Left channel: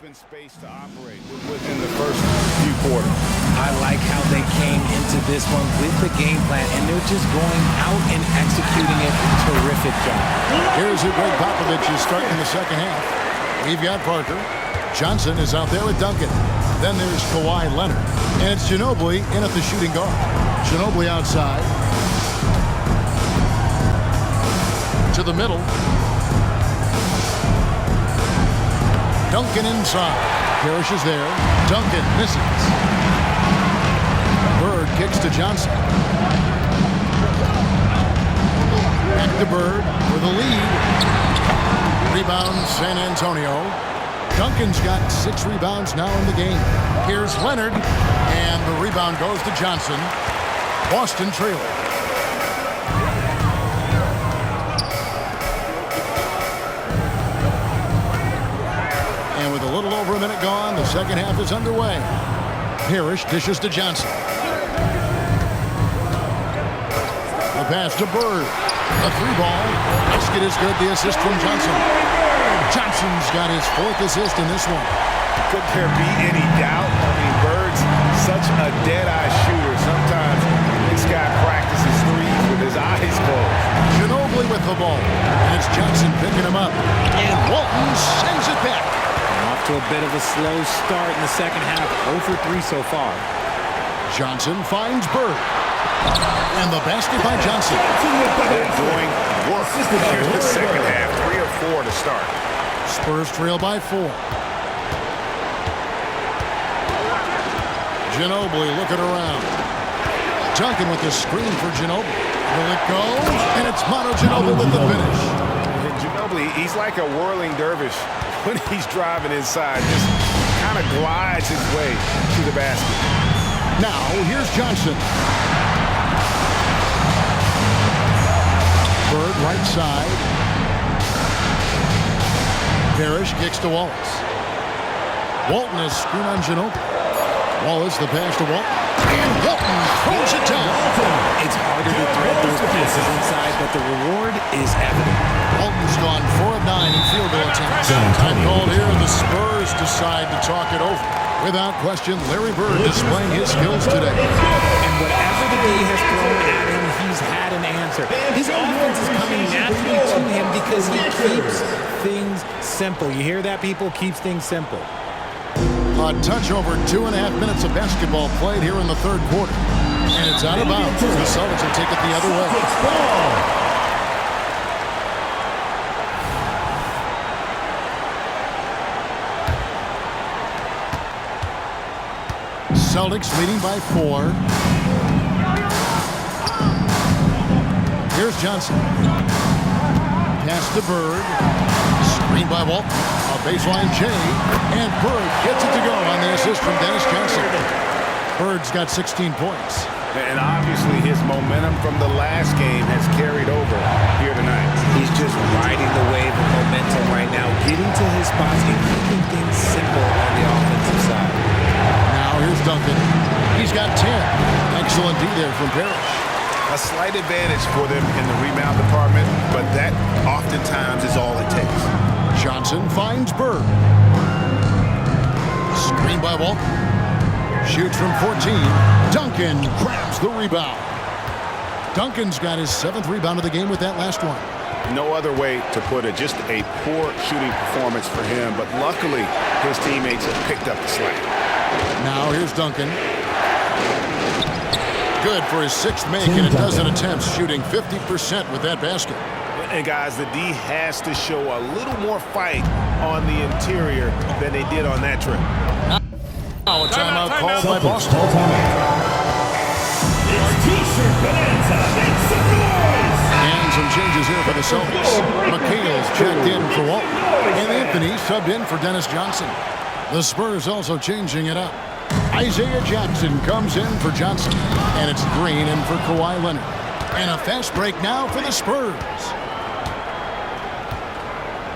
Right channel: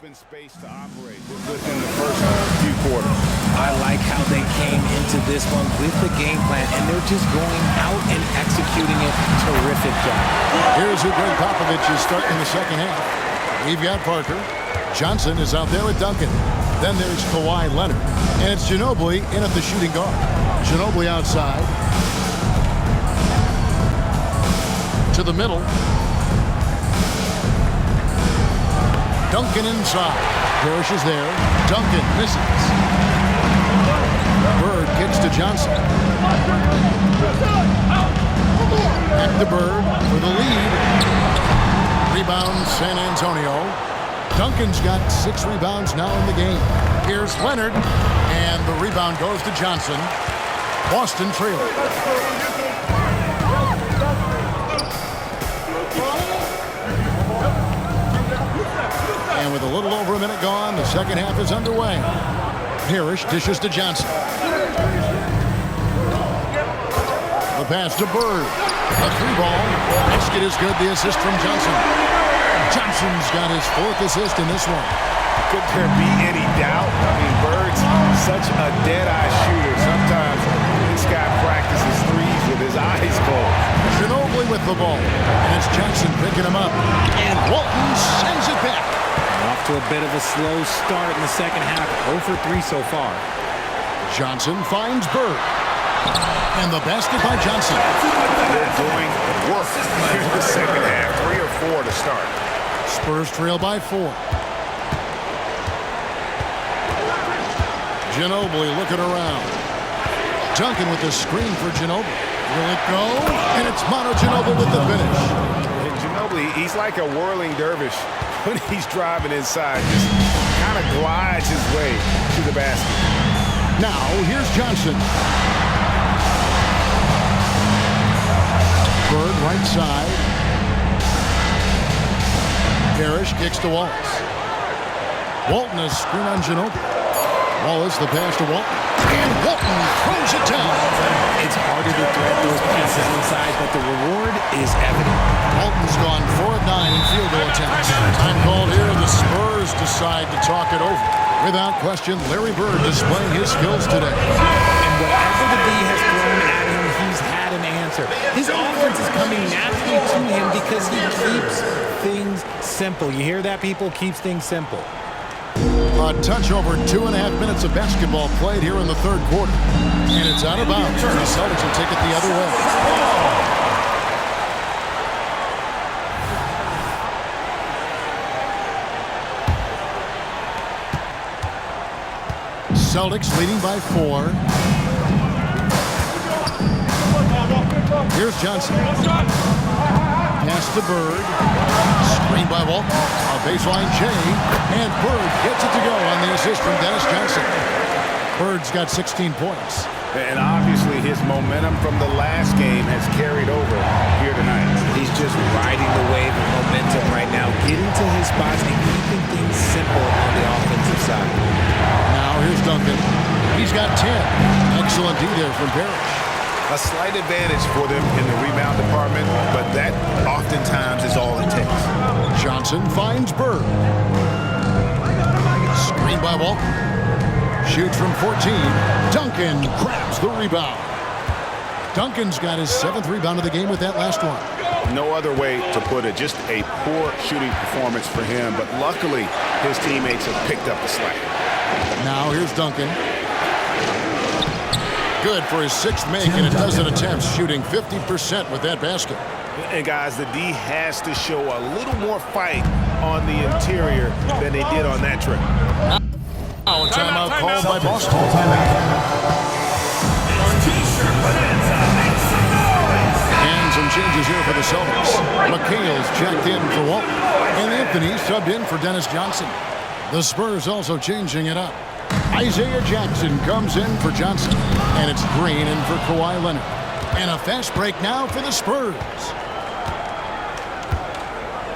open space to operate within the first few quarters. I like how they came into this one with the game plan, and they're just going out and executing it. Terrific job. Here's who Greg Popovich is starting in the second half. We've got Parker. Johnson is out there with Duncan. Then there's Kawhi Leonard. And it's Ginobili in at the shooting guard. Ginobili outside. To the middle. Duncan inside. Parrish is there. Duncan misses. Bird kicks to Johnson. Back to Bird for the lead. Rebound San Antonio. Duncan's got 6 rebounds now in the game. Here's Leonard. And the rebound goes to Johnson. Boston trailing. And with a little over a minute gone, the second half is underway. Parrish dishes to Johnson. The pass to Bird. A 3-ball. Basket is good. The assist from Johnson. Johnson's got his 4th assist in this one. Could there be any doubt? I mean, Bird's such a dead-eye shooter. Sometimes this guy practices threes with his eyes closed. Ginobili with the ball. And it's Johnson picking him up. And Walton sends it back. Off to a bit of a slow start in the second half. 0 for 3 so far. Johnson finds Bird. And the basket by Johnson. They're doing work here in the second half. 3 or 4 to start. Spurs trail by 4. Ginobili looking around. Duncan with the screen for Ginobili. Will it go? And it's Mono Ginobili with the finish. And Ginobili, he's like a whirling dervish when he's driving inside. Just kind of glides his way to the basket. Now, here's Johnson. Bird right side. Parrish kicks to Wallace. Walton has screen on Ginobili. Wallace the pass to Walton. And Walton throws it down. It's harder to thread those passes inside, but the reward is evident. Walton's gone 4 of 9 in field goal attempts. Time called here. The Spurs decide to talk it over. Without question, Larry Bird displaying his skills today. And whatever the D has thrown at him, he's had an answer. His offense is coming naturally to him because he keeps things simple. You hear that, people? Keeps things simple. A touch over 2.5 minutes of basketball played here in the third quarter. And it's out of bounds. The Celtics will take it the other way. Celtics leading by 4. Here's Johnson. Pass to Bird. Screen by Walton. A baseline J. And Bird gets it to go on the assist from Dennis Johnson. Bird's got 16 points. And obviously his momentum from the last game has carried over here tonight. He's just riding the wave of momentum right now, getting to his spots and keeping things simple on the offensive side. Now here's Duncan. He's got 10. Excellent D there from Parrish. A slight advantage for them in the rebound department, but that oftentimes is all it takes. Johnson finds Bird. Screen by Walton. Shoots from 14. Duncan grabs the rebound. Duncan's got his 7th rebound of the game with that last one. No other way to put it. Just a poor shooting performance for him, but luckily his teammates have picked up the slack. Now here's Duncan. Good for his 6th make in a dozen attempts, shooting 50% with that basket. And guys, the D has to show a little more fight on the interior than they did on that trip. Now a timeout called by Boston. And some changes here for the Celtics. McHale's checked in for Walton. And Anthony subbed in for Dennis Johnson. The Spurs also changing it up. Isaiah Jackson comes in for Johnson. And it's Green in for Kawhi Leonard. And a fast break now for the Spurs.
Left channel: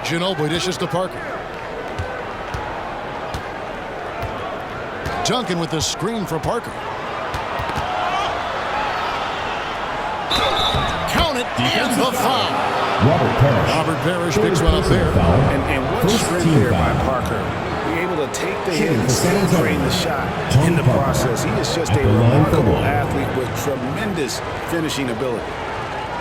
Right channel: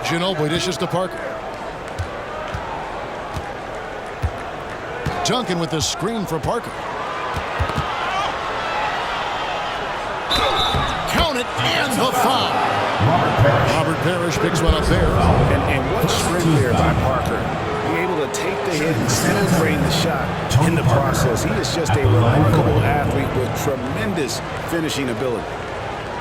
Ginobili dishes to Parker. Duncan with the screen for Parker. Count it, and the foul. Robert Parrish picks one up there. And what sprint there by Parker. Be able to take the hit and still drain the shot in the process. He is just a remarkable athlete with tremendous finishing ability.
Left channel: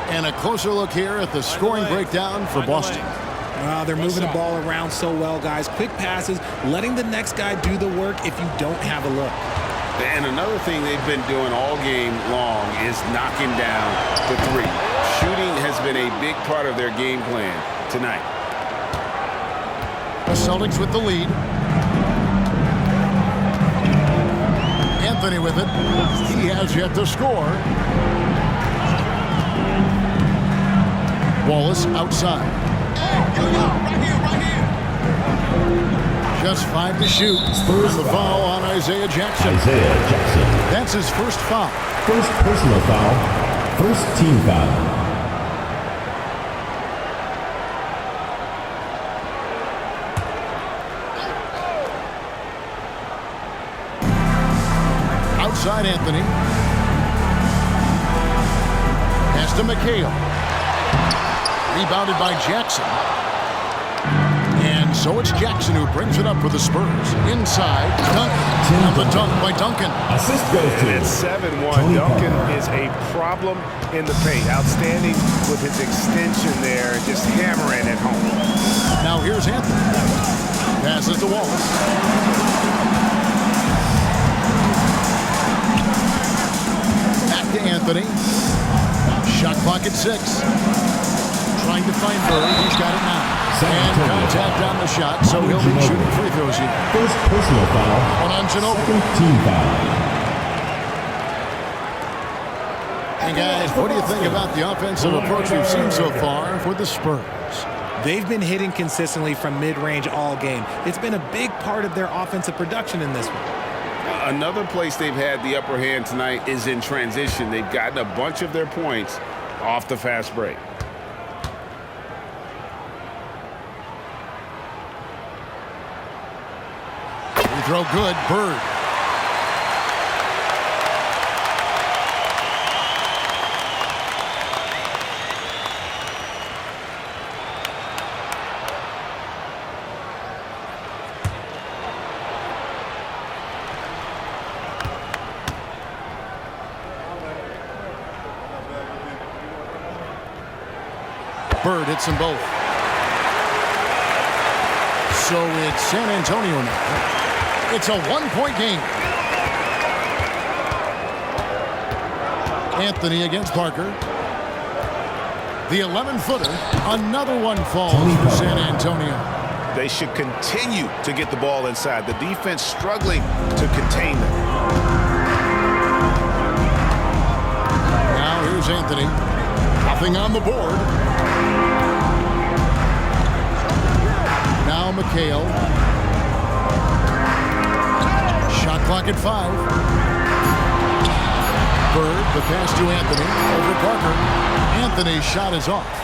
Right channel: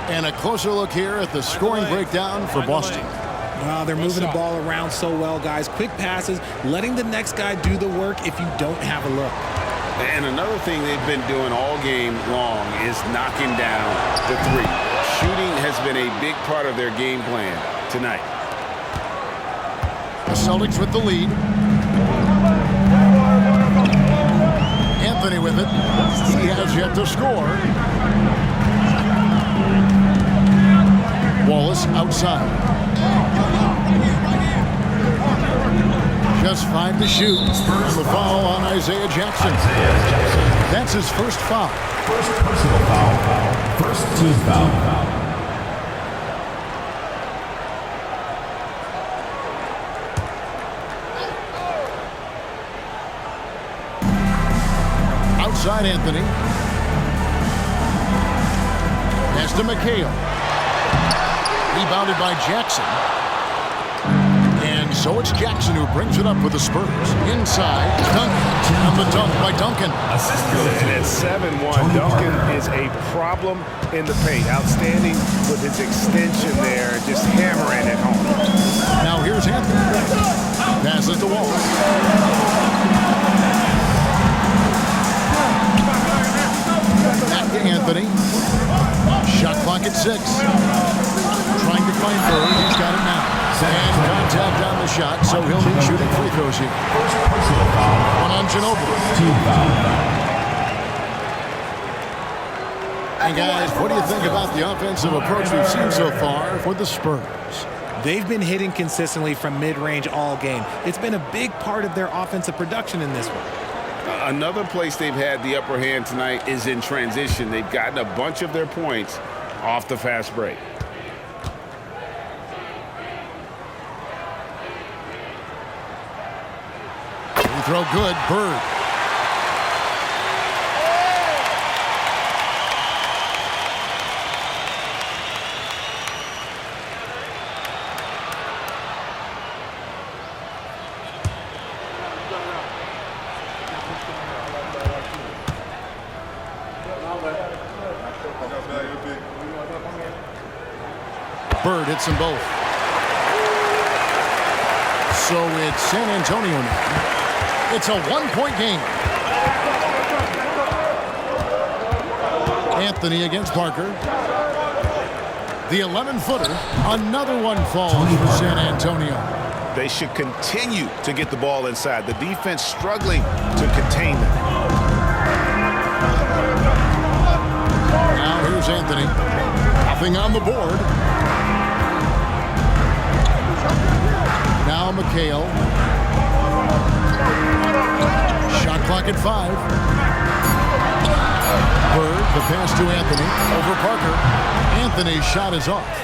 And a closer look here at the scoring breakdown for Boston. Well, they're moving the ball around so well, guys. Quick passes, letting the next guy do the work if you don't have a look. And another thing they've been doing all game long is knocking down the three. Shooting has been a big part of their game plan tonight. The Celtics with the lead. Anthony with it. He has yet to score. Wallace outside. Just 5 to shoot. And the foul on Isaiah Jackson. That's his first foul. First personal foul. First team foul. Outside Anthony. Pass to McHale. Rebounded by Jackson. And so it's Jackson who brings it up for the Spurs. Inside, Duncan. And the dunk by Duncan. Assist goes to And at 7-1, Duncan is a problem in the paint. Outstanding with his extension there, just hammering it home. Now here's Anthony. Passes to Wallace. Back to Anthony. Shot clock at 6. Trying to find Bird. He's got it now. And contact on the shot, so he'll be shooting free throws here. First personal foul. One on Ginobili. Second team foul. And guys, what do you think about the offensive approach we've seen so far for the Spurs? They've been hitting consistently from mid-range all game. It's been a big part of their offensive production in this one. Another place they've had the upper hand tonight is in transition. They've gotten a bunch of their points off the fast break. Free throw good. Bird. Bird hits them both. So it's San Antonio now. It's a one-point game. Anthony against Parker. The 11-footer. Another one falls for San Antonio. They should continue to get the ball inside. The defense struggling to contain them. Now here's Anthony. Nothing on the board. Now McHale. Shot clock at 5. Bird, the pass to Anthony. Over Parker. Anthony's shot is off.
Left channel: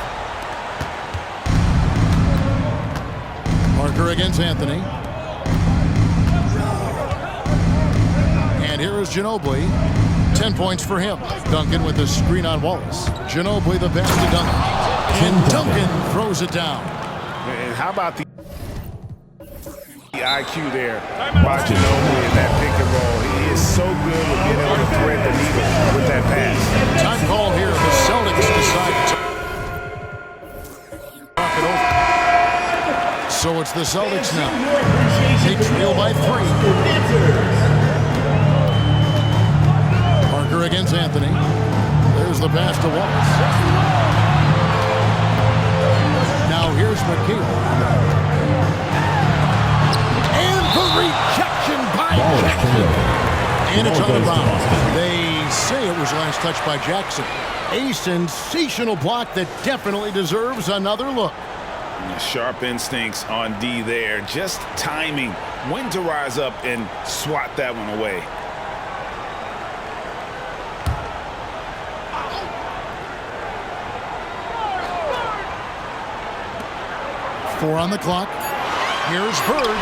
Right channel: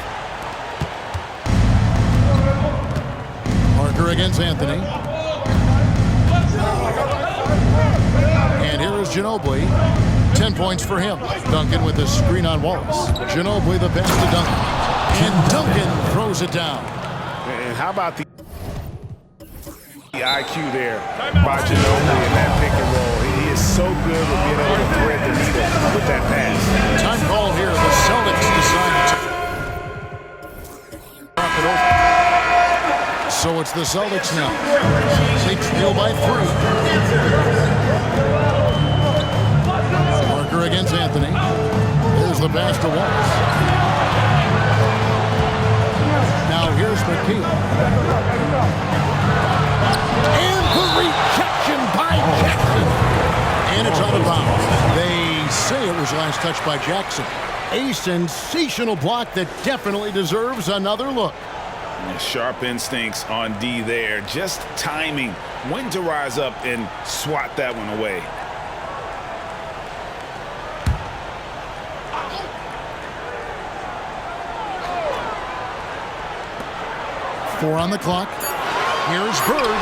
Parker against Anthony. And here is Ginobili. 10 points for him. Duncan with a screen on Wallace. Ginobili the pass to Duncan. And Duncan throws it down. And how about the IQ there by Ginobili in that pick and roll? He is so good with being able to thread the needle with that pass. Time call here. The Celtics decide to talk it over. So it's the Celtics now. They trail by 3. Parker against Anthony. There's the pass to Wallace. Now here's McKee. And the rejection by Jackson. And it's out of bounds. They say it was last touched by Jackson. A sensational block that definitely deserves another look. Sharp instincts on D there. Just timing when to rise up and swat that one away. Four on the clock. Here's Bird.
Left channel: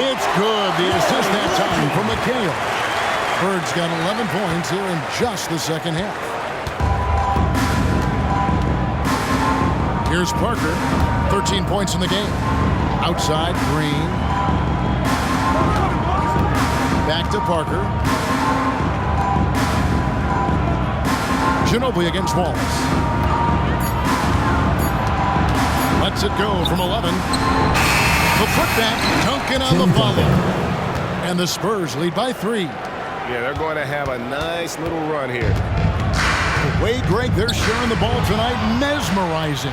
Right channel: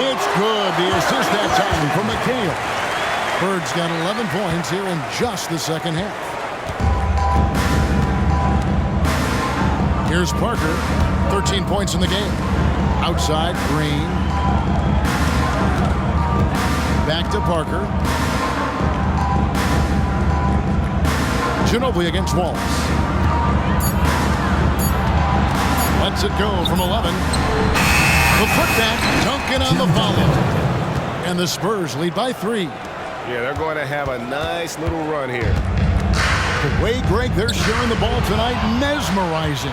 It's good. The assist that time from McHale. Bird's got 11 points here in just the second half. Here's Parker. 13 points in the game. Outside, Green. Back to Parker. Ginobili against Wallace. Lets it go from 11. The putback, Duncan on the follow. And the Spurs lead by 3. Yeah, they're going to have a nice little run here. The way, Greg, they're sharing the ball tonight, mesmerizing.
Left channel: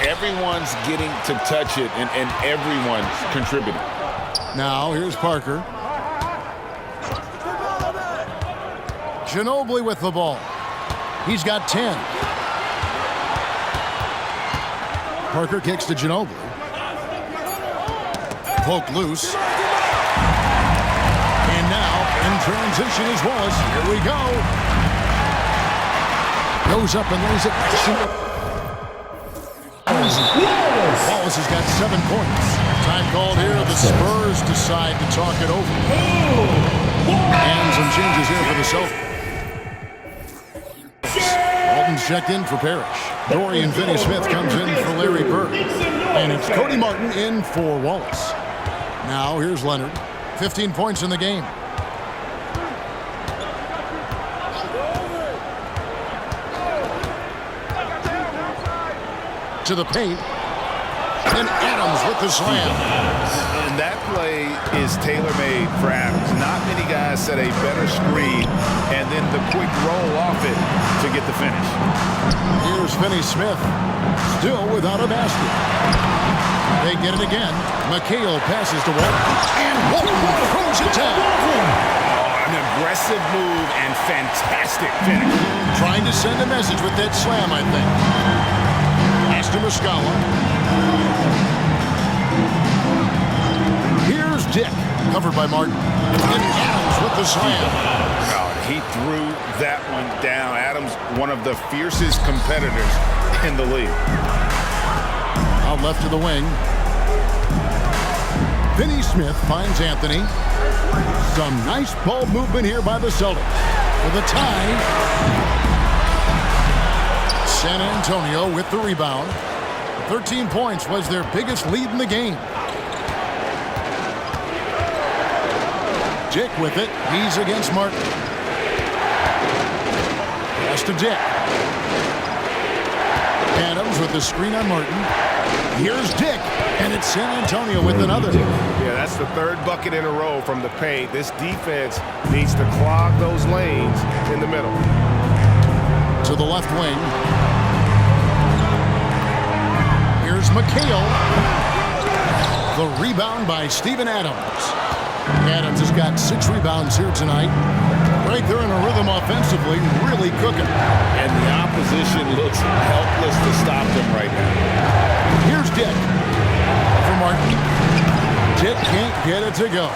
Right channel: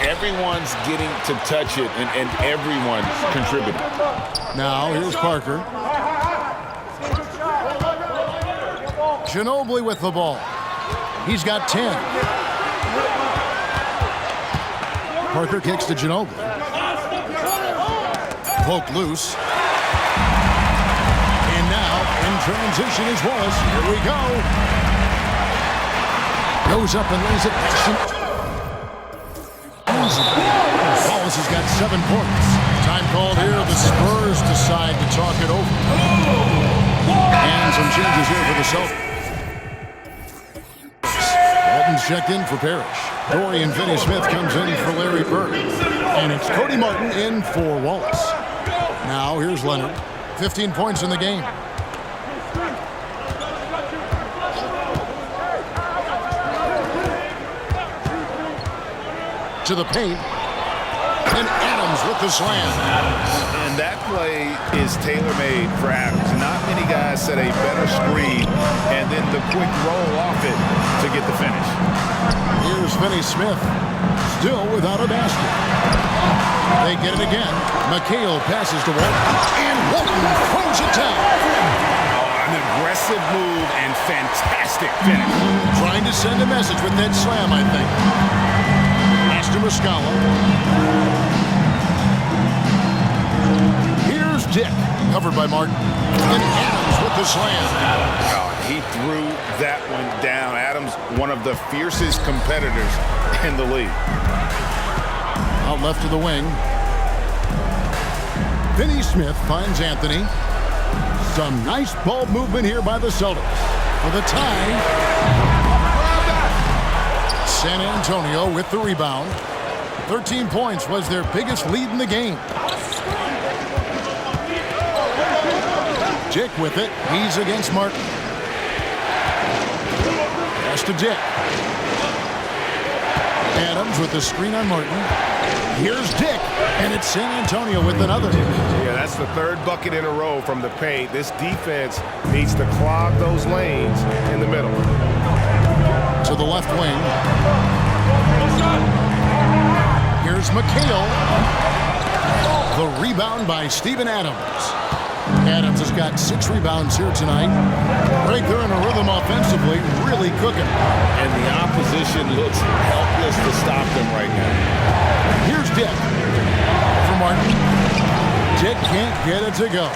Everyone's getting to touch it, and everyone's contributing. Now, here's Parker. Ginobili with the ball. He's got 10. Parker kicks to Ginobili. Poke loose. And now, in transition is Wallace. Here we go. Goes up and lays it nice and... Wallace has got 7 points. Time called here. The Spurs decide to talk it over. And some changes here for the Celtics. Walton's checked in for Parrish. Dorian Finney-Smith comes in for Larry Bird. And it's Cody Martin in for Wallace. Now here's Leonard. 15 points in the game. To the paint. And Adams with the slam. And that play is tailor-made for Adams. Not many guys set a better screen and then the quick roll off it to get the finish. Here's Finney-Smith, still without a basket. They get it again. McHale passes to Walton, and Walton throws it down. Oh, an aggressive move and fantastic finish. Trying to send a message with that slam, I think. Pass to Muscala. Here's Dick, covered by Martin. And Adams with the slam. Oh, he threw that one down. Adams, one of the fiercest competitors in the league. Out left to the wing. Finney-Smith finds Anthony. Some nice ball movement here by the Celtics. For the tie. San Antonio with the rebound. 13 points was their biggest lead in the game. Dick with it. He's against Martin. Pass to Dick. Adams with the screen on Martin. Here's Dick, and it's San Antonio with another. Yeah, that's the 3rd bucket in a row from the paint. This defense needs to clog those lanes in the middle. To the left wing. Here's McHale. The rebound by Steven Adams. Adams has got 6 rebounds here tonight. Right there in a rhythm offensively, really cooking. And the opposition looks helpless to stop them right now. Here's Dick. Over Martin. Dick can't get it to go.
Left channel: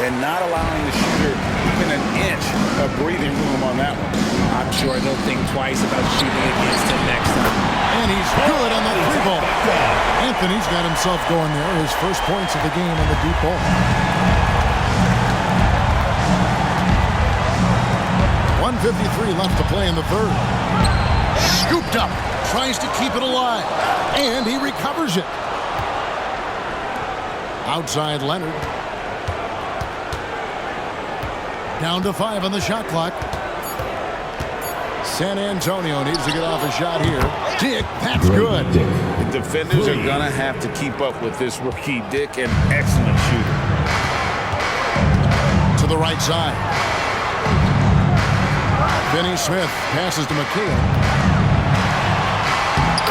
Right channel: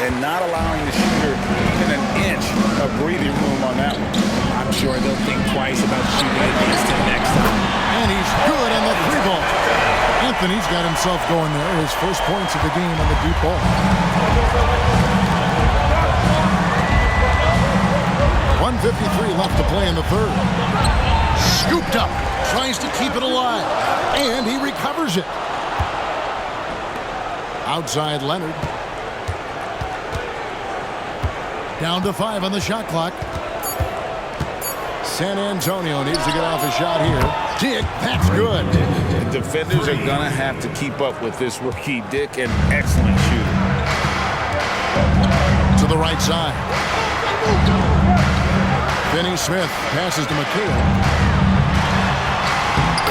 And not allowing the shooter even an inch of breathing room on that one. I'm sure they'll think twice about shooting against him next time. And he's good on the 3-ball. Anthony's got himself going there. His first points of the game on the deep ball. 1:53 left to play in the 3rd. Scooped up. Tries to keep it alive. And he recovers it. Outside Leonard. Down to 5 on the shot clock. San Antonio needs to get off a shot here. Dick, that's good. The defenders are going to have to keep up with this rookie. Dick, an excellent shooter. To the right side. Finney-Smith passes to McHale.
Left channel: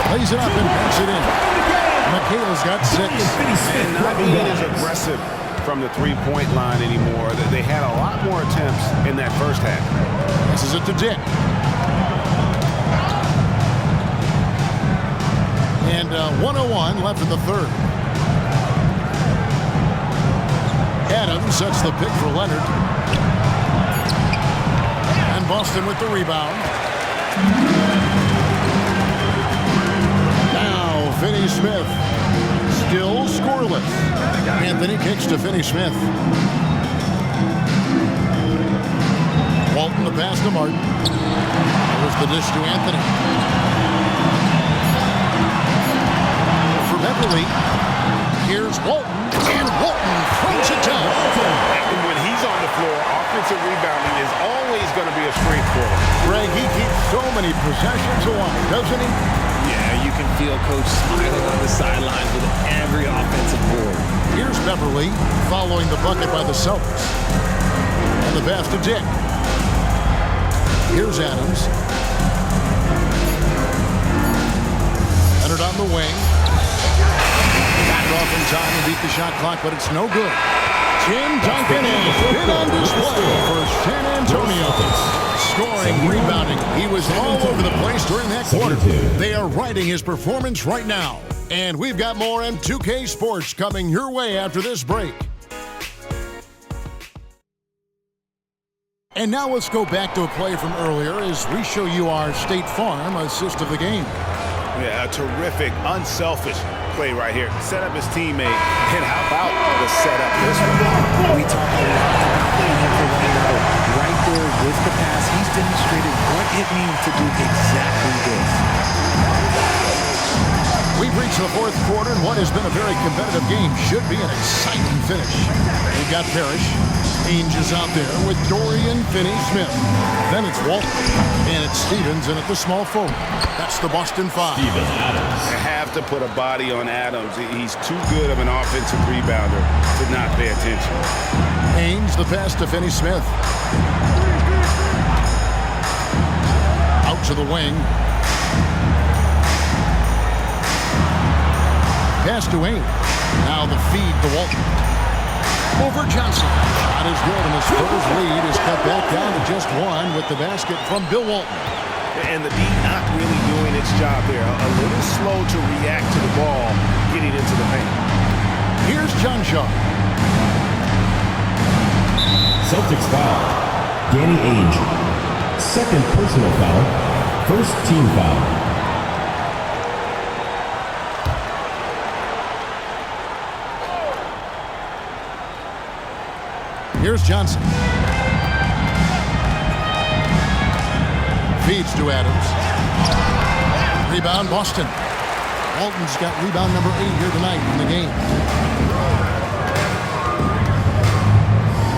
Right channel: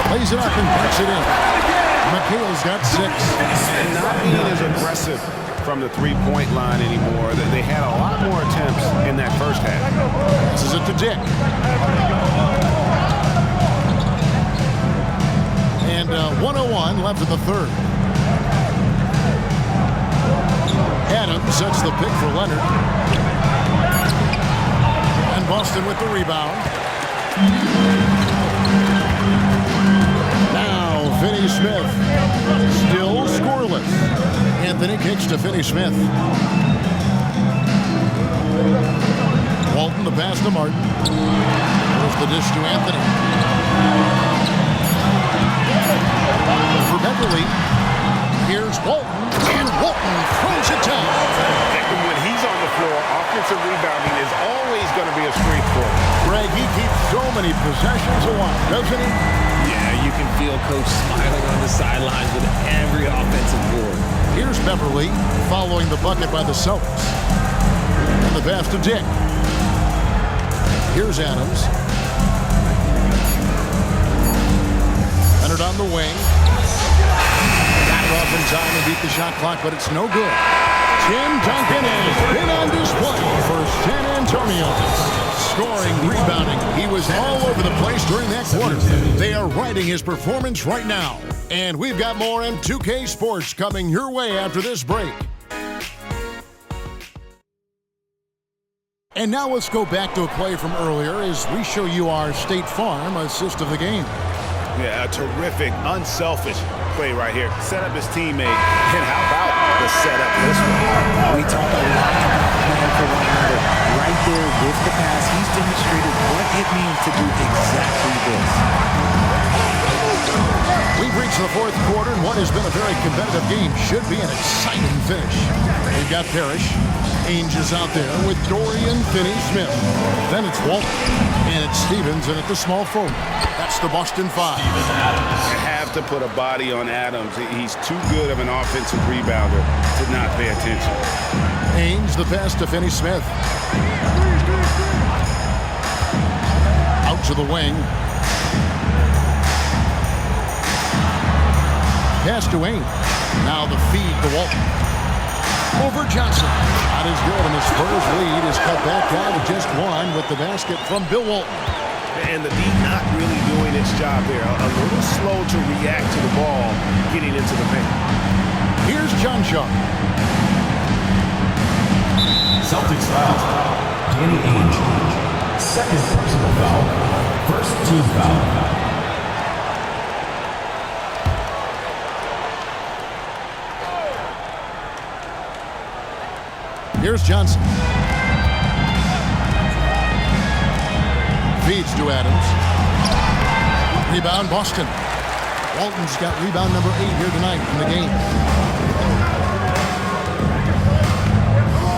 Plays it up and banks it in. McHale's got 6. And not being as aggressive from the 3-point line anymore. They had a lot more attempts in that first half. Passes it to Dick. And 1:01 left in the 3rd. Adams sets the pick for Leonard. And Boston with the rebound. Now Finney-Smith. Still scoreless. Anthony kicks to Finney-Smith. Walton the pass to Martin. There's the dish to Anthony. For Beverly. Here's Walton. And Walton throws it down. When he's on the floor, offensive rebounding is always going to be a strength for him. Greg, he keeps so many possessions alive, doesn't he? Yeah, you can feel Coach smiling on the sidelines with every offensive board. Here's Beverly following the bucket by the Celtics. And the pass to Dick. Here's Adams. Leonard on the wing. Got it off in time and beat the shot clock, but it's no good. Tim Duncan has been on display for San Antonio. Scoring, rebounding. He was all over the place during that quarter. They are riding his performance right now. And we've got more M2K Sports coming your way after this break. And now let's go back to a play from earlier as we show you our State Farm assist of the game. Yeah, a terrific, unselfish play right here. Set up his teammate, and how about the setup this one? We talk a lot about playing for one another. Right there with the pass, he's demonstrated what it means to do exactly this. We've reached the fourth quarter, and what has been a very competitive game should be an exciting finish. We've got Parrish. Ainge is out there with Dorian Finney-Smith. Then it's Walton, and it's Stevens in at the small forward. That's the Boston Five. Steven Adams. You have to put a body on Adams. He's too good of an offensive rebounder to not pay attention. Ainge, the pass to Finney-Smith. Out to the wing. Pass to Ainge. Now the feed to Walton. Over Johnson. Shot is good, and the Spurs lead is cut back down to just one with the basket from Bill Walton. And the D not really doing its job there. A little slow to react to the ball getting into the paint. Here's John Shaw. Celtics foul. Danny Ainge. Second personal foul. First team foul. Here's Johnson. Feeds to Adams. Rebound, Boston. Walton's got rebound number 8 here tonight in the game.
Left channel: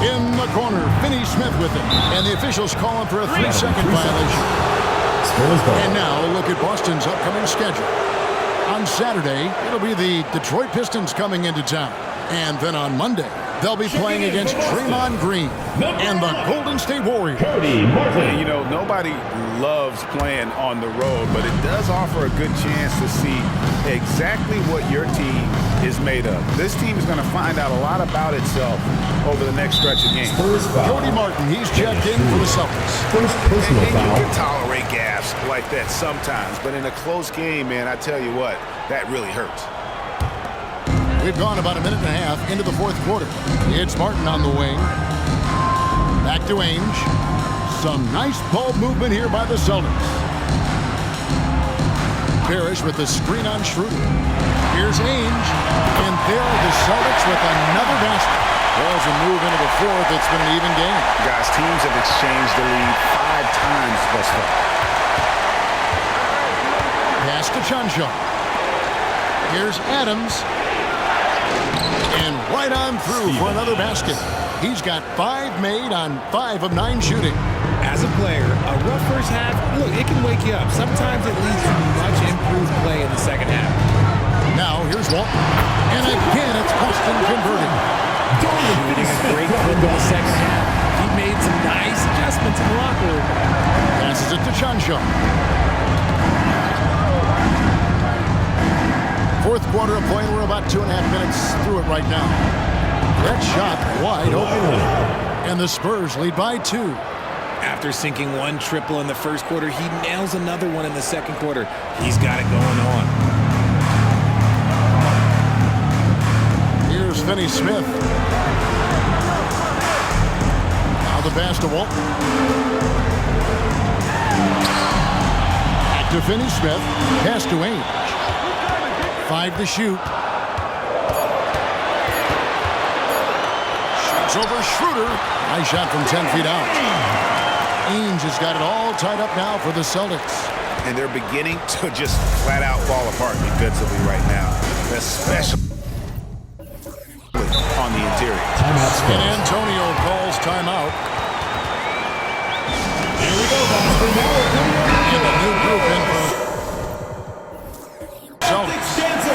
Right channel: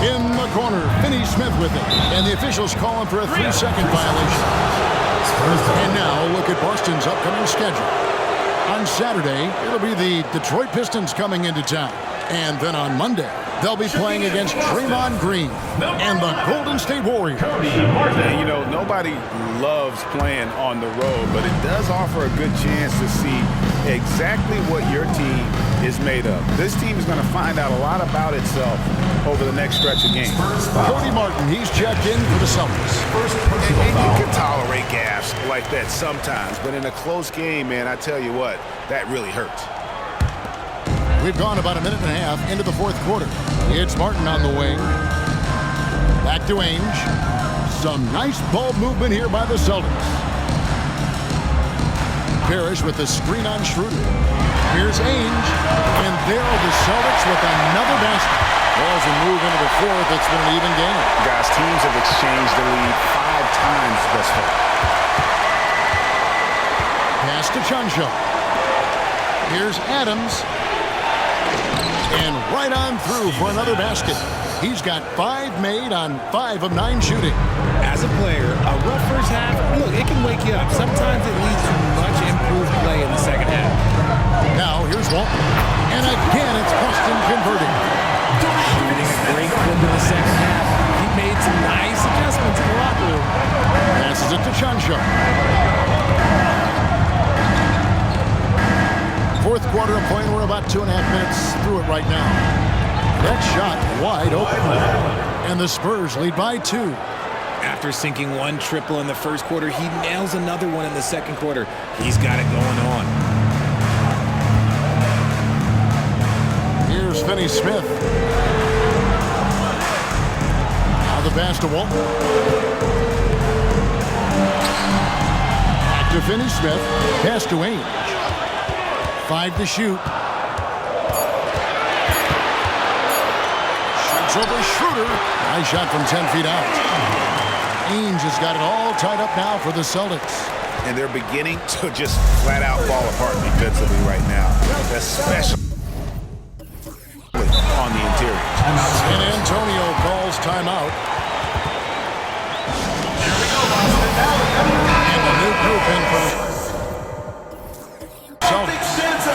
In the corner, Finney-Smith with it. And the officials call him for a 3-second violation. And now look at Boston's upcoming schedule. On Saturday, it'll be the Detroit Pistons coming into town. And then on Monday, they'll be playing against Draymond Green and the Golden State Warriors. And, you know, nobody loves playing on the road, but it does offer a good chance to see exactly what your team is made of. This team is going to find out a lot about itself over the next stretch of games. Cody Martin, he's checked in for the Celtics. First personal And foul. you can tolerate gaffes like that sometimes, but in a close game, man, I tell you what, that really hurts. We've gone about a minute and a half into the fourth quarter. It's Martin on the wing. Back to Ainge. Some nice ball movement here by the Celtics. Parrish with the screen on Schroeder. Here's Ainge. And there are the Celtics with another basket. Well, as we move into the fourth, it's been an even game. Guys, teams have exchanged the lead 5 times thus far. Pass to Chanshaw. Here's Adams. And right on through for another basket. He's got 5 made on 5 of 9 shooting. As a player, a rough first half, look, it can wake you up. Sometimes it leads to much improved play in the second half. Now here's Walton. And again, it's Boston converting. Shooting a great clip in the second half. He made some nice adjustments in the locker room. Passes it to Chanshaw. Fourth quarter of play, and we're about 2.5 minutes through it right now. That shot wide open. And the Spurs lead by 2. After sinking 1 triple in the first quarter, he nails another one in the second quarter. He's got it going on. Here's Finney-Smith. Now the pass to Walton. Back to Finney-Smith. Pass to Ainge. 5 to shoot. Shoots over Schroeder. Nice shot from 10 feet out. Ainge has got it all tied up now for the Celtics. And they're beginning to just flat out fall apart defensively right now, especially on the interior. San Antonio calls timeout. And a new group in for the Celtics.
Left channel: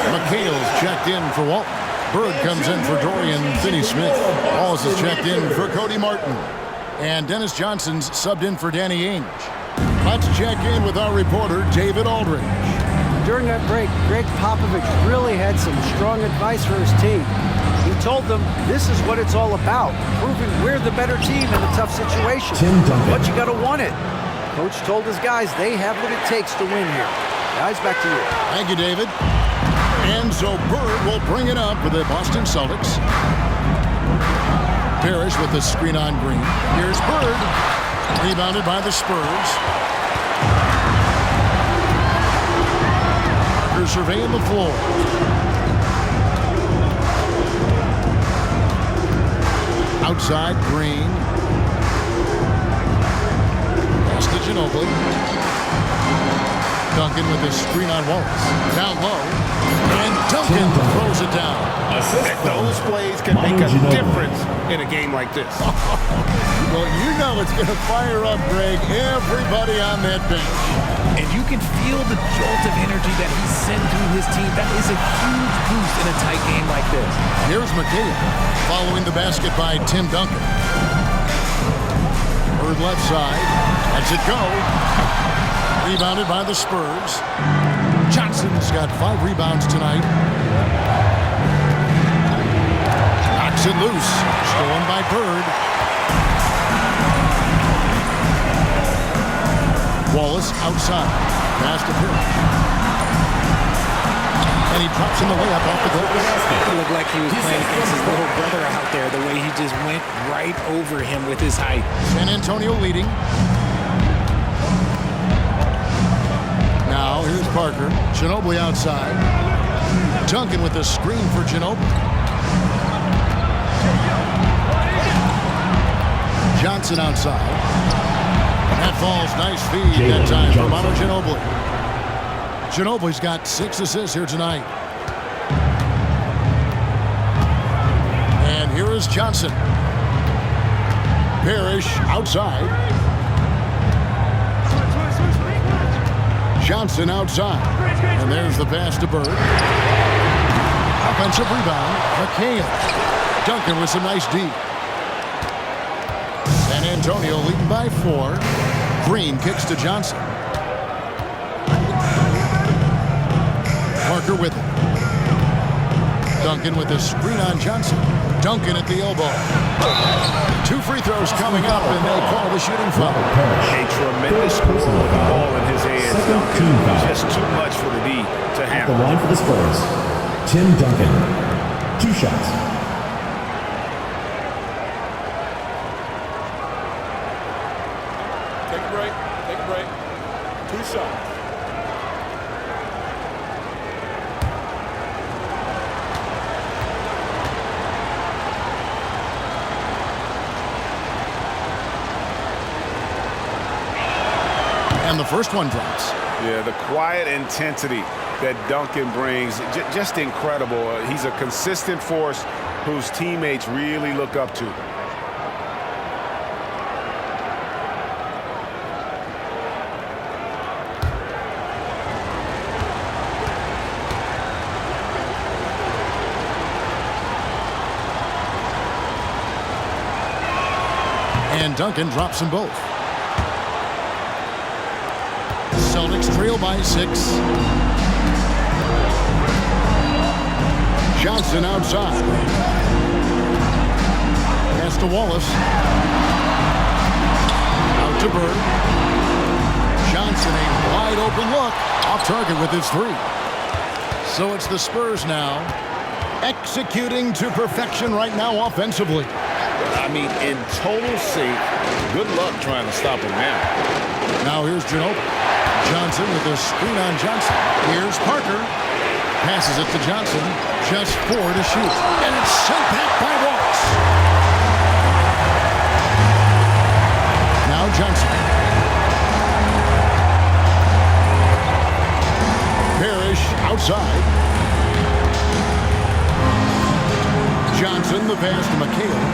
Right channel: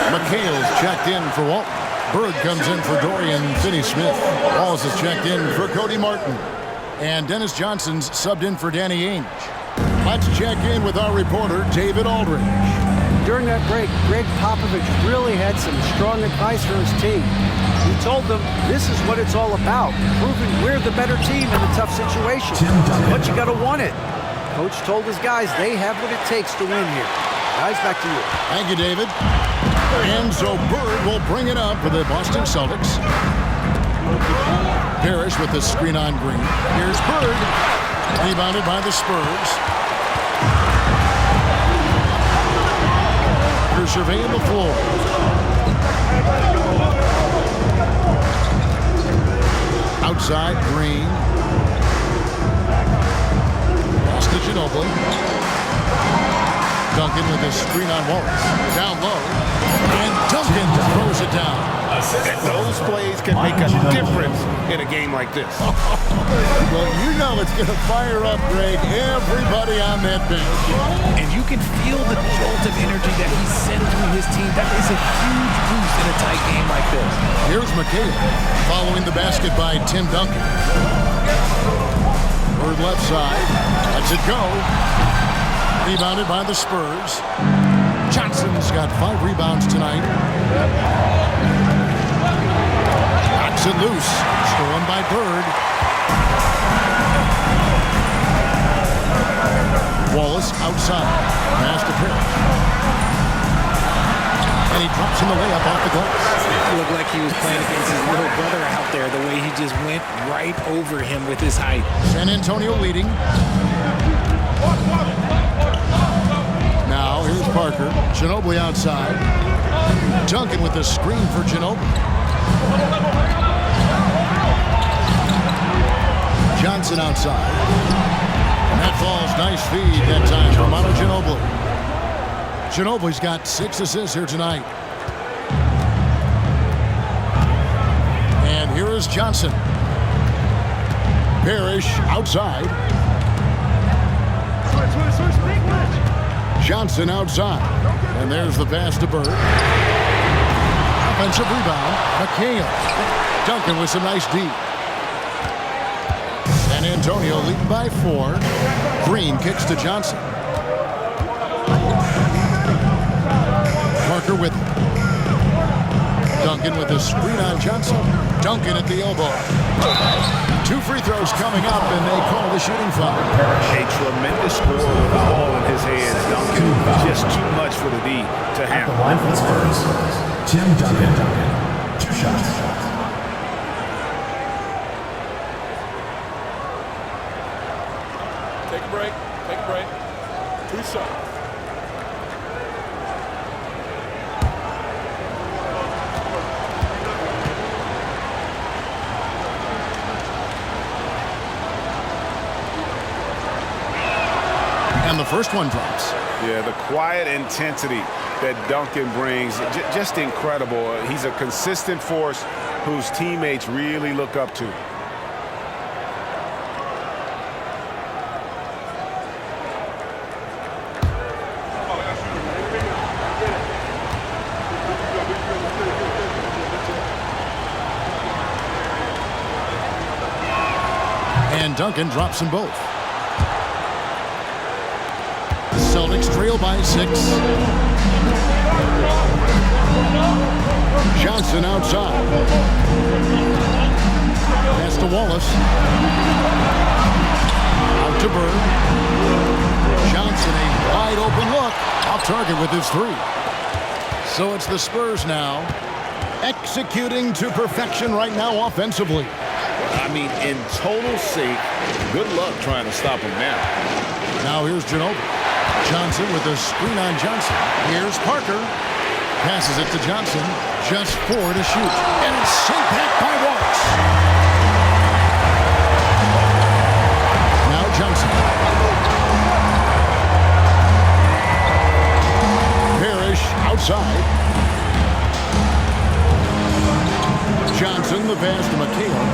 McHale's checked in for Walton. Bird comes in for Dorian Finney-Smith. Wallace is checked in for Cody Martin. And Dennis Johnson's subbed in for Danny Ainge. Let's check in with our reporter, David Aldridge. During that break, Greg Popovich really had some strong advice for his team. He told them this is what it's all about, proving we're the better team in a tough situation. But you got to want it. Coach told his guys they have what it takes to win here. Guys, back to you. Thank you, David. And so Bird will bring it up for the Boston Celtics. Parrish with the screen on Green. Here's Bird. Rebounded by the Spurs. Parker surveying the floor. Outside, Green. Pass to Ginobili. Duncan with his screen on Wallace. Down low. And Duncan throws it down. Those plays can make a difference in a game like this. Well, you know it's going to fire up, Greg, everybody on that bench. And you can feel the jolt of energy that he sent through his team. That is a huge boost in a tight game like this. Here's McHale following the basket by Tim Duncan. Bird left side. Lets it go. Rebounded by the Spurs. Johnson's got 5 rebounds tonight. Knocks it loose. Stolen by Bird. Wallace outside. Pass to Parrish. And he drops in the layup off the glass. It looked like he was playing against his little brother out there, the way he just went right over him with his height. San Antonio leading. Now, here's Parker. Ginobili outside. Duncan with the screen for Ginobili. Johnson outside. And that falls. Nice feed that time from Manu Ginobili. Ginobili's got 6 assists here tonight. And here is Johnson. Parrish outside. Johnson outside. And there's the pass to Bird. Offensive rebound. McHale. Duncan with some nice D. San Antonio leading by 4. Green kicks to Johnson. Parker with it. Duncan with a screen on Johnson. Duncan at the elbow. 2 free throws coming up, and they call the shooting foul. A tremendous score with the ball in his hands. Duncan, just too much for the D to At handle. the line for the Spurs, Tim Duncan. 2 shots. Take a break. Take a break. 2 shots. And the first one drops. Yeah, the quiet intensity that Duncan brings, just incredible. He's a consistent force whose teammates really look up to. And Duncan drops them both. Celtics trail by 6. Johnson outside. Pass to Wallace. Out to Bird. Johnson, a wide open look. Off target with his 3. So it's the Spurs now, executing to perfection right now offensively. I mean, in total sync. Good luck trying to stop him now. Now here's Ginobili. Johnson with a screen on Johnson. Here's Parker. Passes it to Johnson. Just 4 to shoot. And it's sent back by Wallace. Now Johnson. Parrish outside. Johnson, the pass to McHale.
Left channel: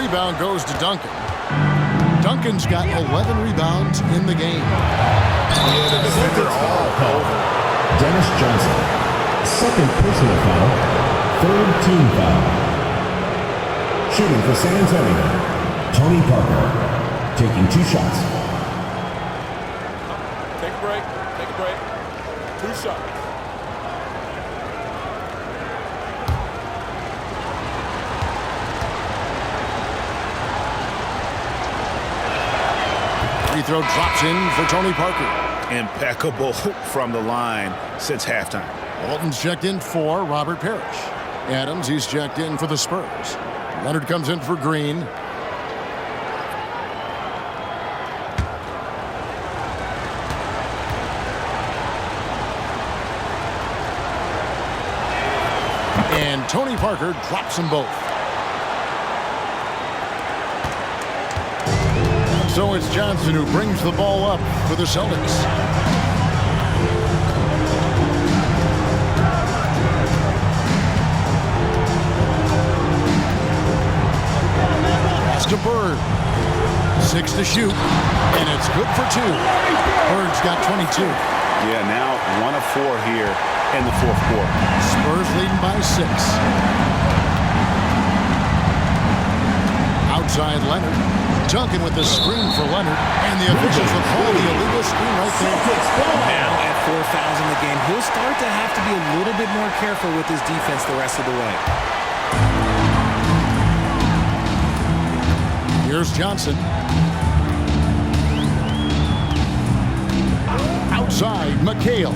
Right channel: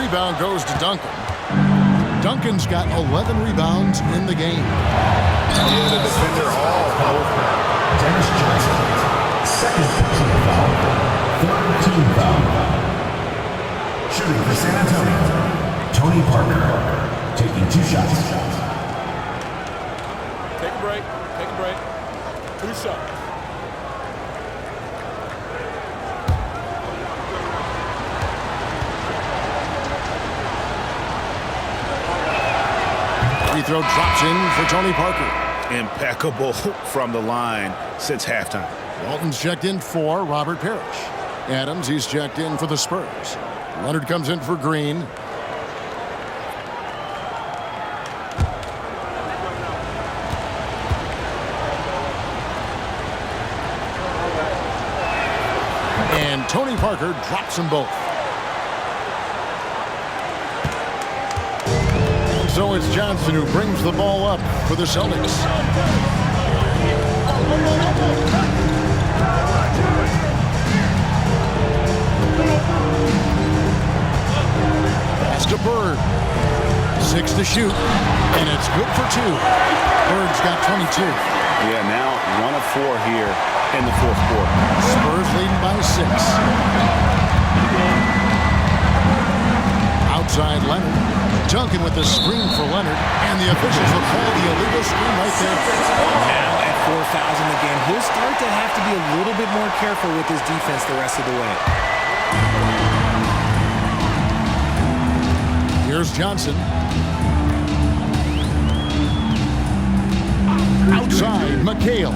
rebound goes to Duncan. Duncan's got 11 rebounds in the game. Yeah, the defender all over. Dennis Johnson. Second personal foul. Third team foul. Shooting for San Antonio. Tony Parker. Taking 2 shots. Take a break. Take a break. 2 shots. Free throw drops in for Tony Parker. Impeccable from the line since halftime. Walton's checked in for Robert Parrish. Adams, he's checked in for the Spurs. Leonard comes in for Green. And Tony Parker drops them both. And so it's Johnson who brings the ball up for the Celtics. Pass to Bird. 6 to shoot. And it's good for 2. Bird's got 22. Yeah, now 1 of 4 here in the fourth quarter. Spurs leading by 6. Outside Leonard. Duncan with the screen for Leonard. And the officials will call the illegal screen right there. Now at 4 fouls in the game, he'll start to have to be a little bit more careful with his defense the rest of the way. Here's Johnson. Outside, McHale.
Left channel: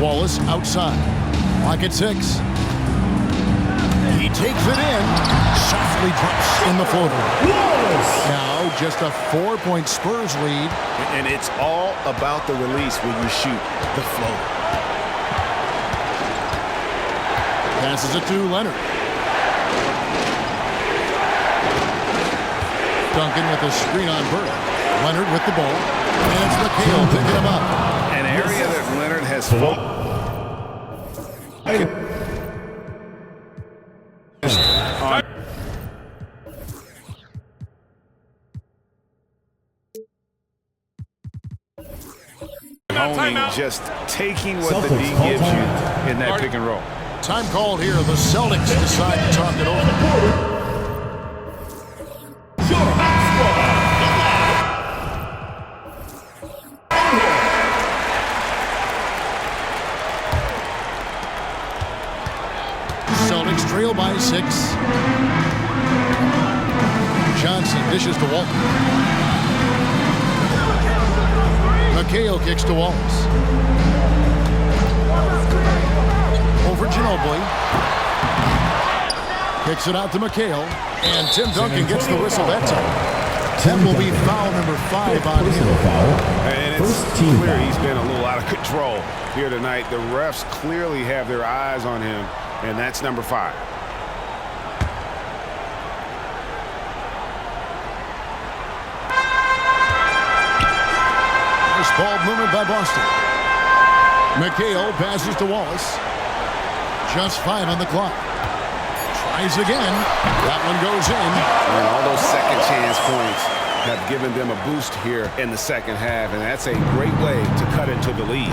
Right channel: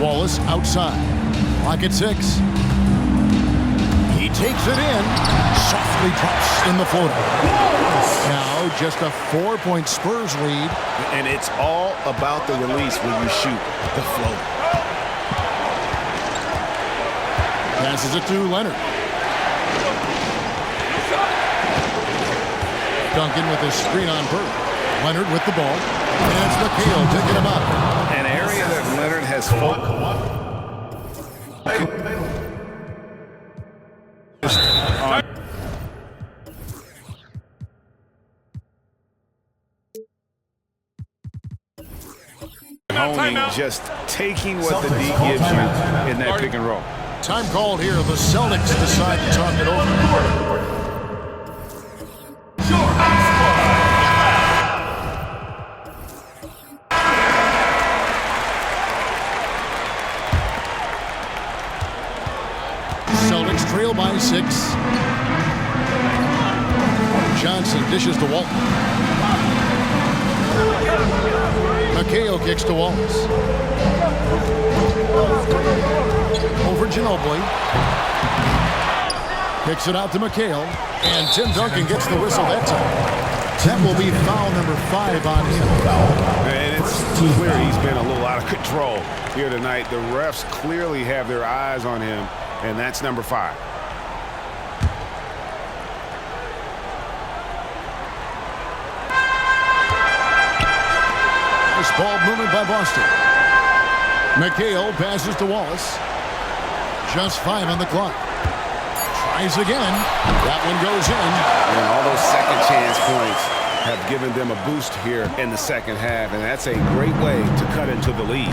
Wallace outside. Clock at 6. He takes it in. Softly drops in the floater. Now just a 4-point Spurs lead. And it's all about the release when you shoot the floater. Passes it to Leonard. Duncan with a screen on Bird. Leonard with the ball. And it's McHale picking him up. An area that Leonard has focused on. Honing, just taking what the D gives you in that pick and roll. Time called here. The Celtics decide to talk it over. Celtics trail by 6. Johnson dishes to Walton. McHale kicks to Wallace. Over Ginobili. Kicks it out to McHale. And Tim Duncan gets the whistle that time. That will be foul number 5 on him. And it's clear he's been a little out of control here tonight. The refs clearly have their eyes on him, and that's number 5. Nice ball movement by Boston. McHale passes to Wallace. Just 5 on the clock. Tries again. That one goes in. And all those second chance points have given them a boost here in the second half, and that's a great way to cut into the lead.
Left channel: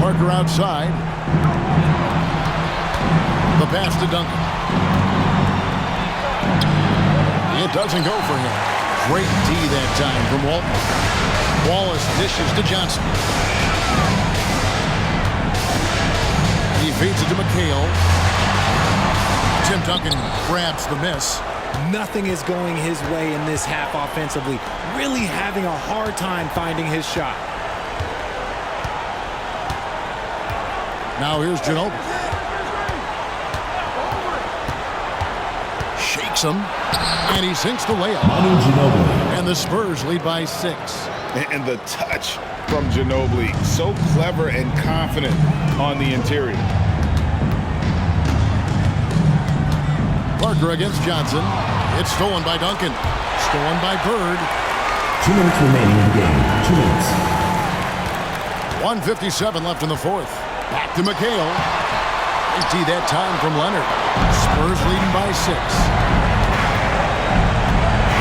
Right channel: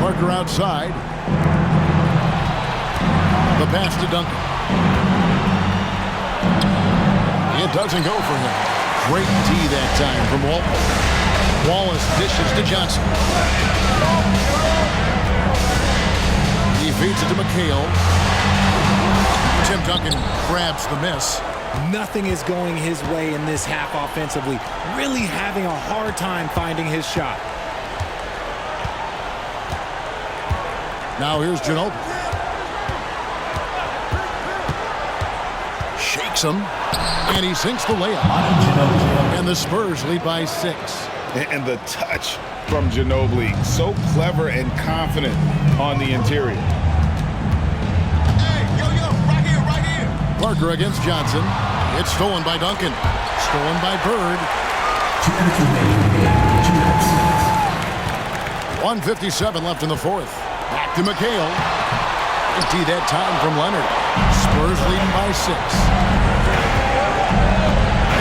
Parker outside. The pass to Duncan. It doesn't go for him. Great D that time from Walton. Wallace dishes to Johnson. He feeds it to McHale. Tim Duncan grabs the miss. Nothing is going his way in this half offensively. Really having a hard time finding his shot. Now here's Ginobili. Shakes him. And he sinks the layup. And the Spurs lead by 6. And the touch from Ginobili, so clever and confident on the interior. Parker against Johnson. It's stolen by Duncan. Stolen by Bird. 2 minutes remaining in the game. 2 minutes. 1:57 left in the fourth. Back to McHale. Empty that time from Leonard. Spurs leading by 6.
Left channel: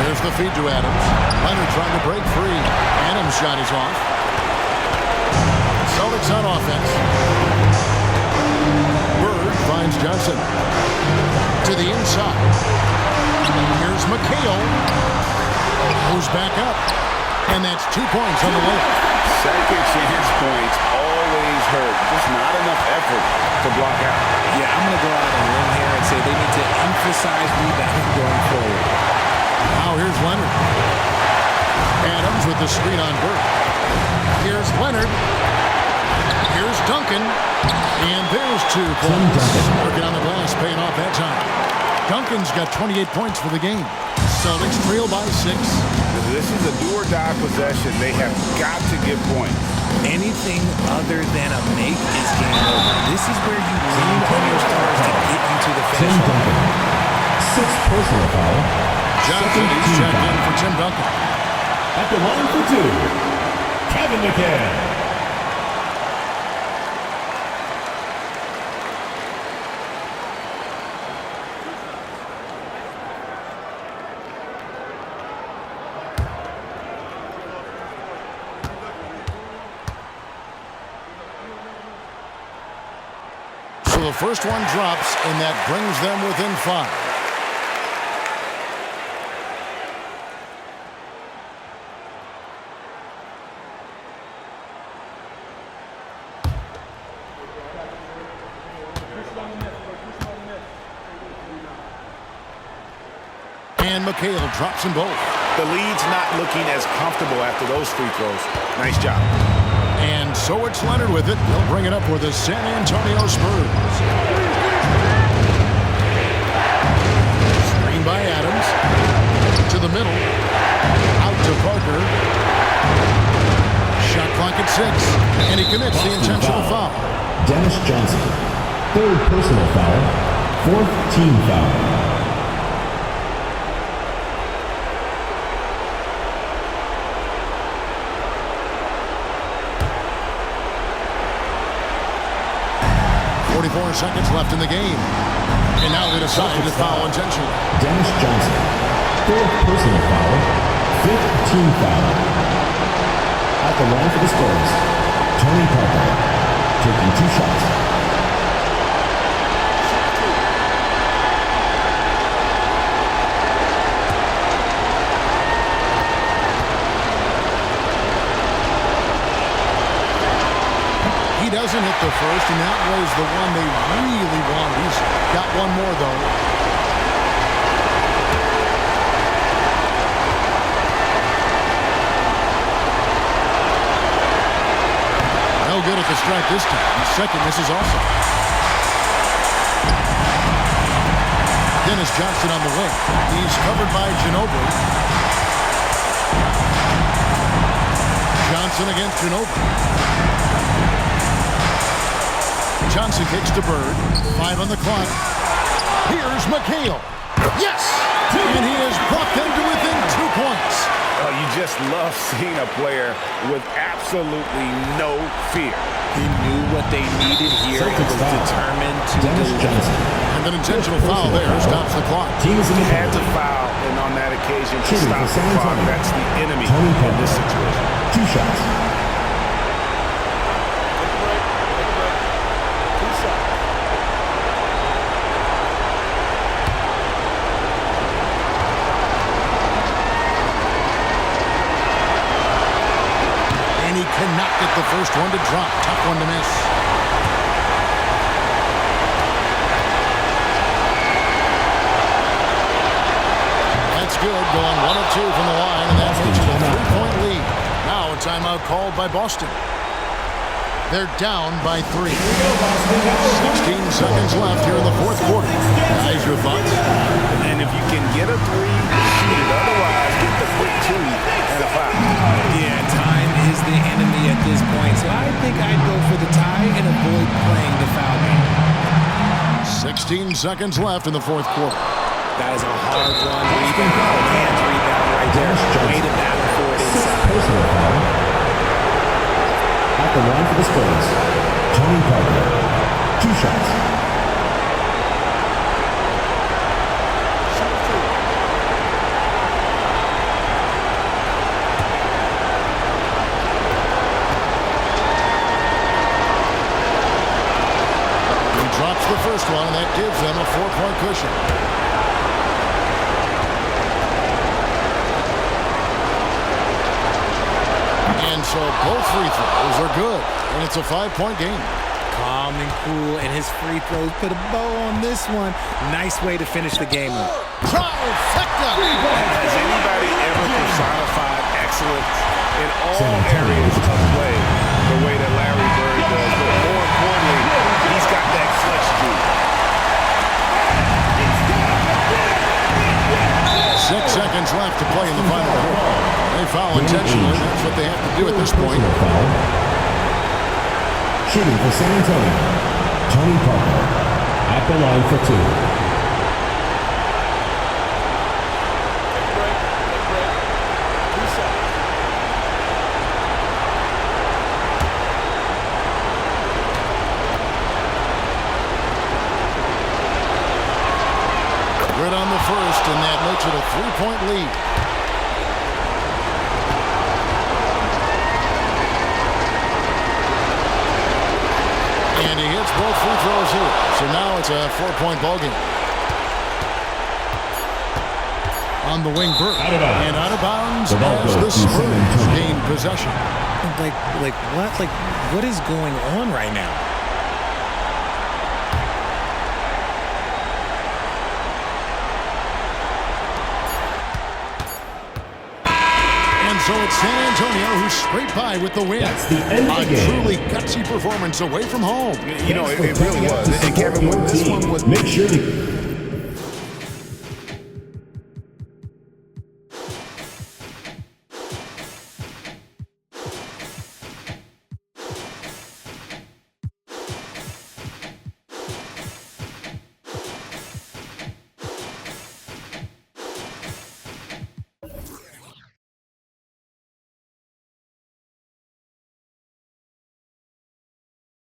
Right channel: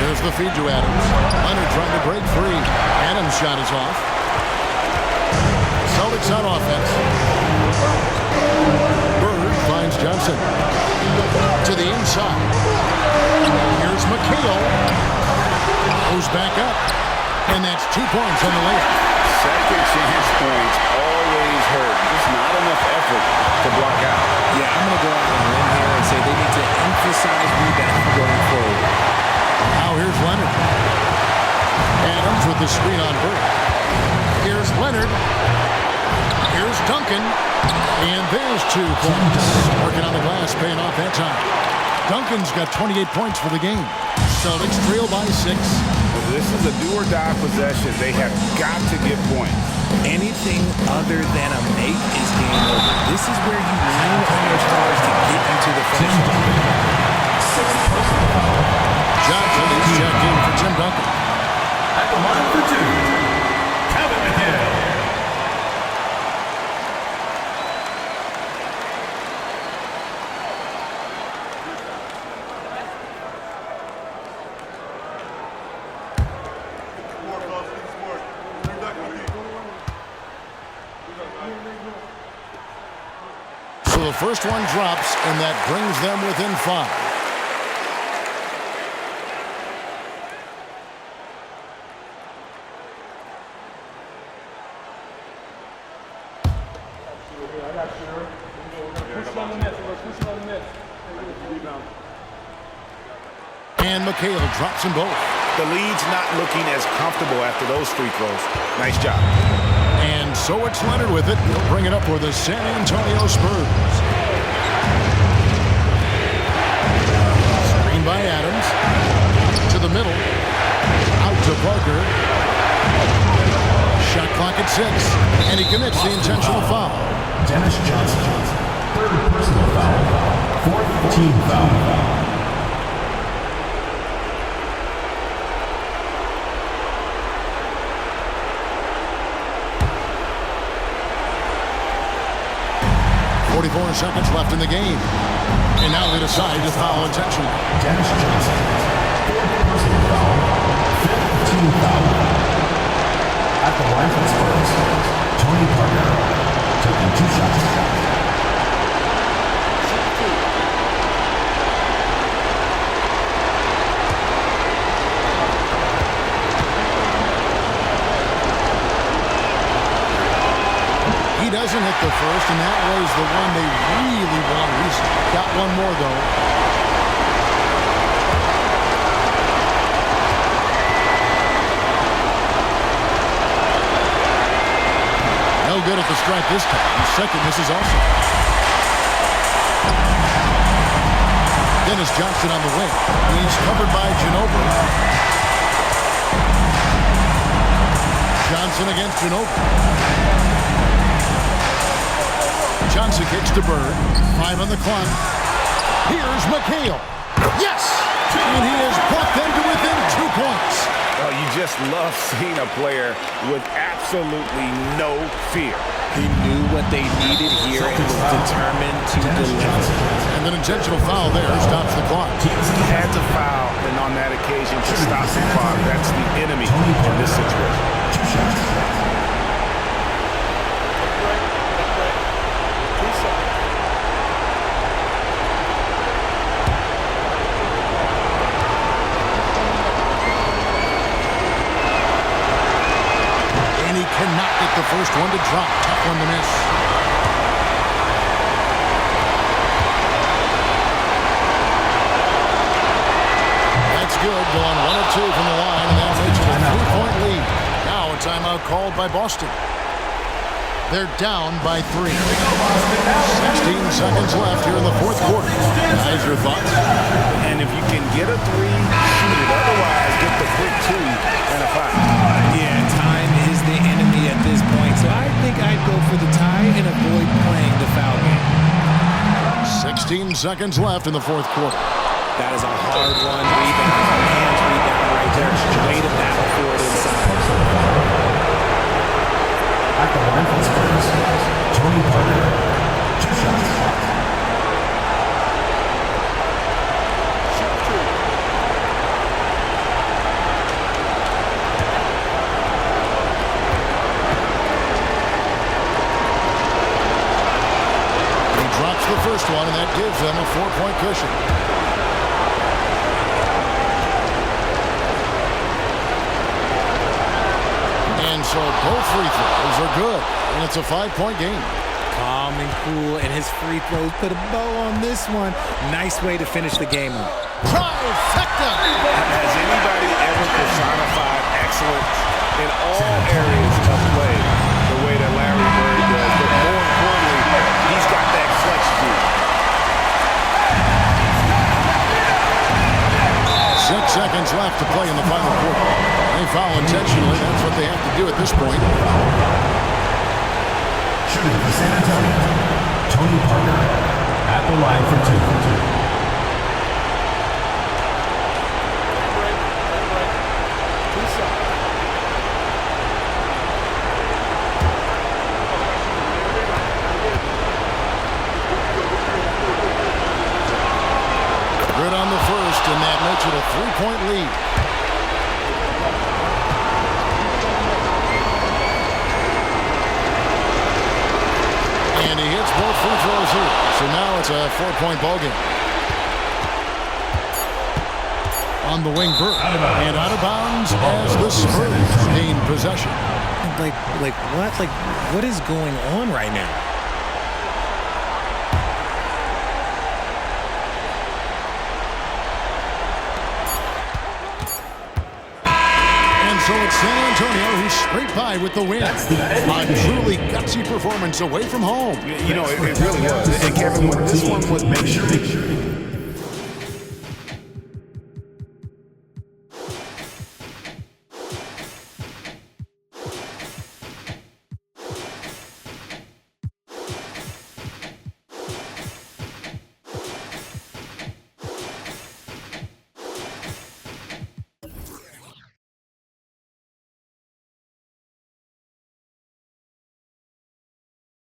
There's the feed to Adams. Leonard trying to break free. Adams' shot is off. Celtics on offense. Bird finds Johnson. To the inside. Here's McHale. Goes back up. And that's 2 points on the layup. Second chance points always hurt. Just not enough effort to block out. Yeah, I'm going to go out on a limb here and say they need to emphasize rebounding going forward. Now here's Leonard. Adams with the screen on Bird. Here's Leonard. Here's Duncan. And there's 2 points. Working on the glass, paying off that time. Duncan's got 28 points for the game. Celtics trail by 6. This is a do-or-die possession. They have got to get points. Anything other than a make is game over. This is where you lean on your stars to get you to the finish line. 6th personal foul. Johnson, he's checked in for Tim Duncan. At the line for 2, Kevin McHale. So the first one drops, and that brings them within 5. And McHale drops them both. The lead's not looking as comfortable after those free throws. Nice job. And so it's Leonard with it. He'll bring it up for the San Antonio Spurs. Screen by Adams. To the middle. Out to Parker. Shot clock at 6. And he commits the intentional foul. Dennis Johnson. 3rd personal foul. 4th team foul. .44 seconds left in the game. And now they decide to foul intentionally. Dennis Johnson. 4th personal foul. 5th team foul. At the line for the Spurs, Tony Parker taking 2 shots. He doesn't hit the first, and that was the one they really want. He's got one more, though. No good at the stripe this time. Second misses also. Dennis Johnson on the wing. He's covered by Ginobili. Johnson against Ginobili. Johnson kicks to Bird. 5 on the clock. Here's McHale. Yes! And he has brought them to within 2 points. Oh, you just love seeing a player with absolutely no fear. He knew what they needed here and was determined to deliver. And an intentional foul there stops the clock. Had to foul, and on that occasion to stop the clock. That's the enemy in this situation. 2 shots. He cannot get the first one to drop. Tough one to miss. That's good. Going 1 of 2 from the line, and that makes it a 3-point lead. Now a timeout called by Boston. They're down by 3. 16 seconds left here in the fourth quarter. Guys, your thoughts? And if you can get a 3, shoot it. Otherwise, get the quick 2 and a foul. Yeah, time is the enemy at this point. So I think I'd go for the tie and avoid playing the foul game. 16 seconds left in the fourth quarter. That is a hard-run rebound. Man's rebound right there. Way to battle for it inside. At the the line for the Spurs, Tony Parker. 2 shots. Shoot 2. He drops the first one, and that gives them a 4-point cushion. And so both free throws are good, and it's a 5-point game. Calm and cool, and his free throws put a bow on this one. Nice way to finish the game up. Trifecta! Has anybody ever personified excellence in all areas of play the way that Larry Bird does? But more importantly, he's got that clutch G. 6 seconds left to play in the final quarter. They foul intentionally. That's what they have to do at this point. Foul. Shooting for San Antonio, Tony Parker. At the line for 2. Take a break. Take a break. 2 shots. Good on the first, and that makes it a 3-point lead. And he hits both free throws here. So now it's a 4-point ball game. On the wing, Bird. And out of bounds as the Spurs gain possession. Like what? Like, what is going on right now? And so it's San Antonio who scraped by with the win. That's the end of the A game. truly gutsy performance away from home. You know, it really was. And Kevin, when this one was... Make sure to